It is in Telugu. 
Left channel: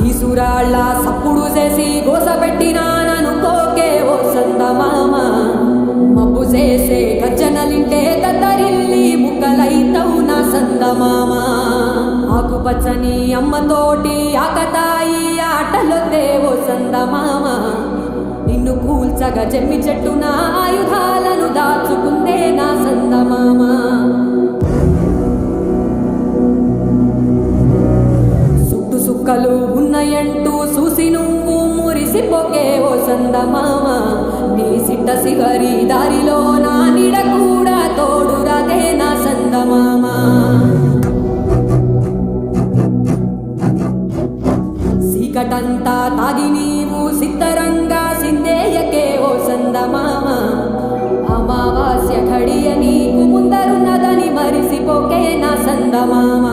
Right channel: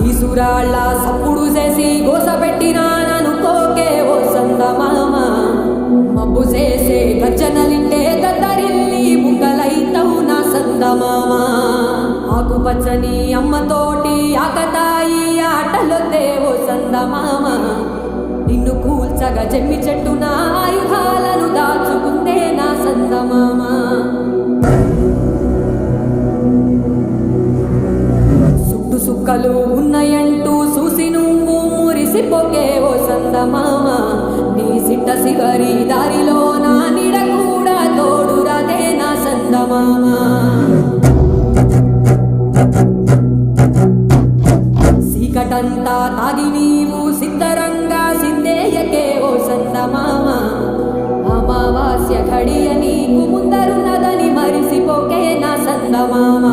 కీసురాళ్ళ సప్పుడు చేసి గోసబెట్టినాననుకోకే ఓ సందమామ మబ్బు చేసే గర్జనలింటే దద్దరిల్లి ముక్కలైతవు నా సందమామ ఆకుపచ్చని అమ్మతోటి ఆకతాయి ఆటలొద్దే ఓ సందమామ నిన్ను కూల్చగా జమ్మి చెట్టున ఆయుధాలను దాచుకుందే నా సందమామ సుట్టు సుక్కలు ఉన్నాయంటూ చూసి నువ్వు మురిసిపోకే ఓ సందమామ నీ సిట్ట సిగరి దారిలో నా నీడ కూడా తోడురాదే నా సందమామ చీకటంతా తాగి నీవు సిద్ధరంగా సిందేయకే ఓ సందమామ అమావాస్య ఘడియ నీకు ముందరున్నదని మరిసిపోకే నా సందమామ